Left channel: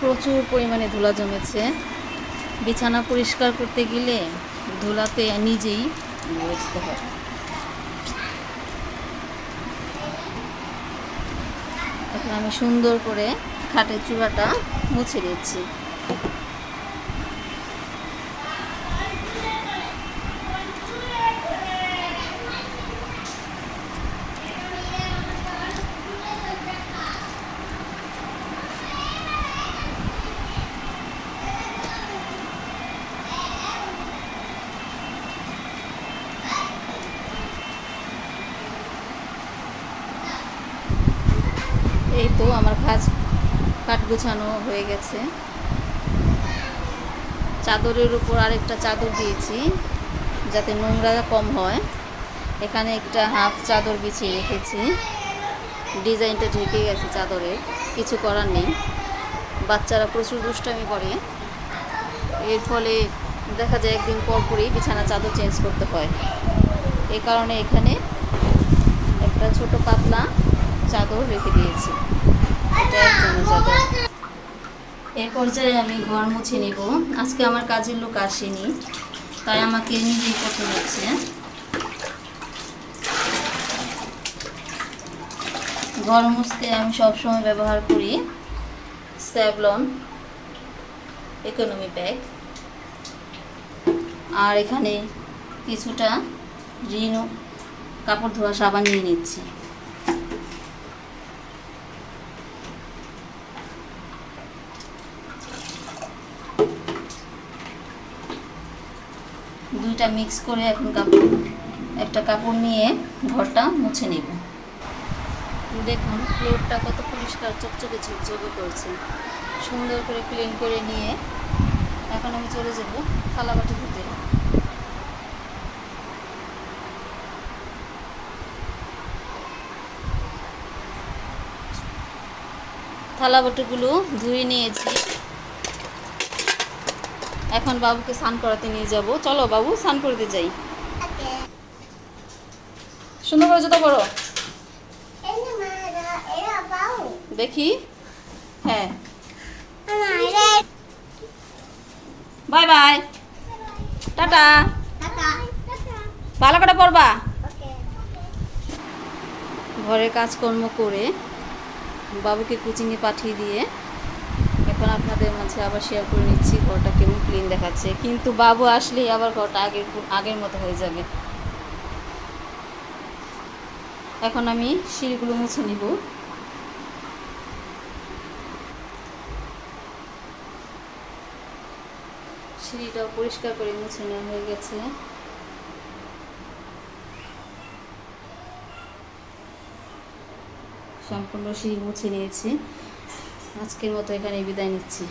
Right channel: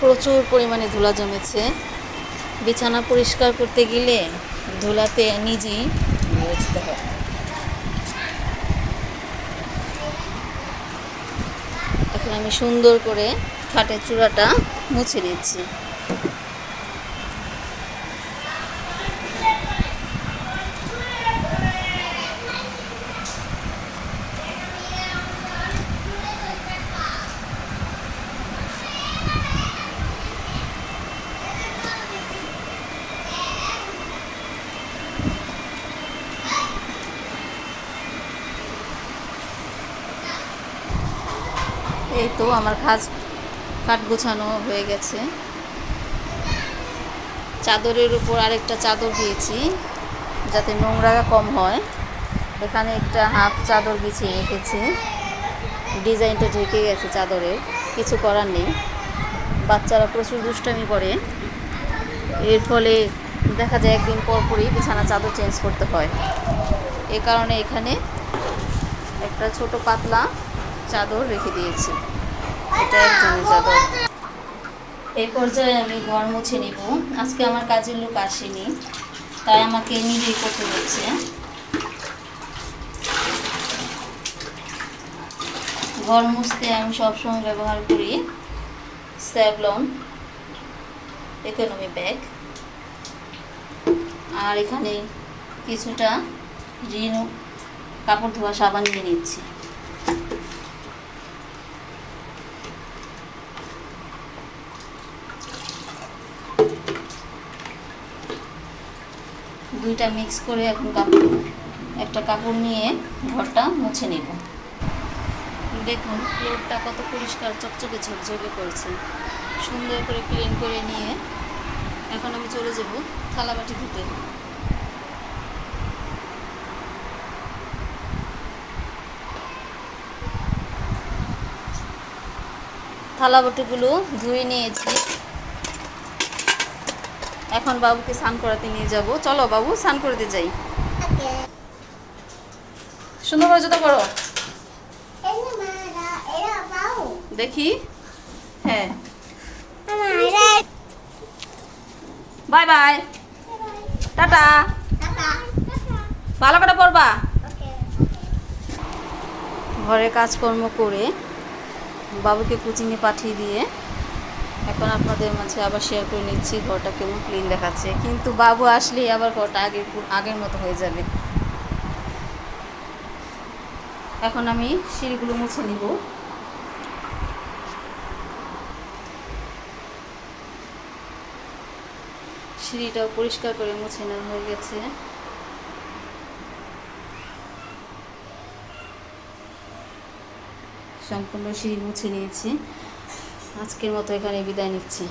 প্রচুর পরিমাণে ধুলা জমেছে। বিছানা পরিষ্কার করতে গেলে ধুলাতে নিজেই মুছতে হয়। এখন আমি সুন্দর করে খাটের চূড়াটা মুছে নিচ্ছি। এই তো আমার খাট গোছানো হয়ে গেছে। চাদরের উপর আরেকটা চাদর দিয়েছি যাতে নোংরা কম হয়। এখানে একটা হাফ চাদর বিছিয়ে রেখেছি। ডিজাইনটা ঢেকে গেছে চাদরের, কিছু করার নেই। বাচ্চারা প্রচুর দুষ্টামি করে, এর ফলে দেখা যায় একদিন পর পরই বিছানা চাদর চেঞ্জ করতে হয়। এই কারণে এখানে একটা ছোট পাতলা চাদর রেখে দিয়েছি। এটা একজনের চাদর। এই পর্যায়ে আমি ঘর মুছে নিব। আজকে আমার কাজের লোক আসেনি, তাই আমাকে নিজেই করতে হচ্ছে। ঘর মুছতে আমি সবসময় ব্যবহার করি স্যাভলন ইকোনমি ব্যাগ। আর এখানে কিছুটা রিন কাপড় ধোয়া সাবান নিয়ে নিচ্ছি। দুইটা মিক্স করে এখন একটা কাপড় নিয়ে ঘরটা মুছে নিব। দেখুন ফ্লোরটা কত পরিষ্কার, চকচকে ঝকঝকে করছে। সুন্দর করে ক্লিন করে নিয়ে এখন আমি চলে যাব থালাবাটি ধুতে। থালাবাটিগুলো ধুয়ে নিয়েছি। এখন বাবুকে স্নান করাতে নিয়ে যাব। চলো বাবু, স্নান করতে যাই। সুন্দর করে জুতো পরো দেখি। হ্যাঁ, বাই বাই, টাটা। ভালো করে পড়বা। ঘরের কাজকর্ম করে বাবুকে কোচিংয়ে পাঠিয়ে দিয়ে এখন আপনাদের মাঝে আবার শেয়ার করে নিচ্ছি ঘরটা কেমন ক্লিন দেখাচ্ছে। কিন্তু বাবু আসলেই আবার ঘরটা আগের মতো হয়ে যাবে। এখন আমি সিঁড়িগুলো মুছে নিব। সিঁড়িটাও পরিষ্কার করে মুছে নেওয়া হয়ে গেছে। সম্পূর্ণ সিঁড়ি মুছে নিয়েছি। আজকের মতো এখানে বিদায় নিচ্ছি।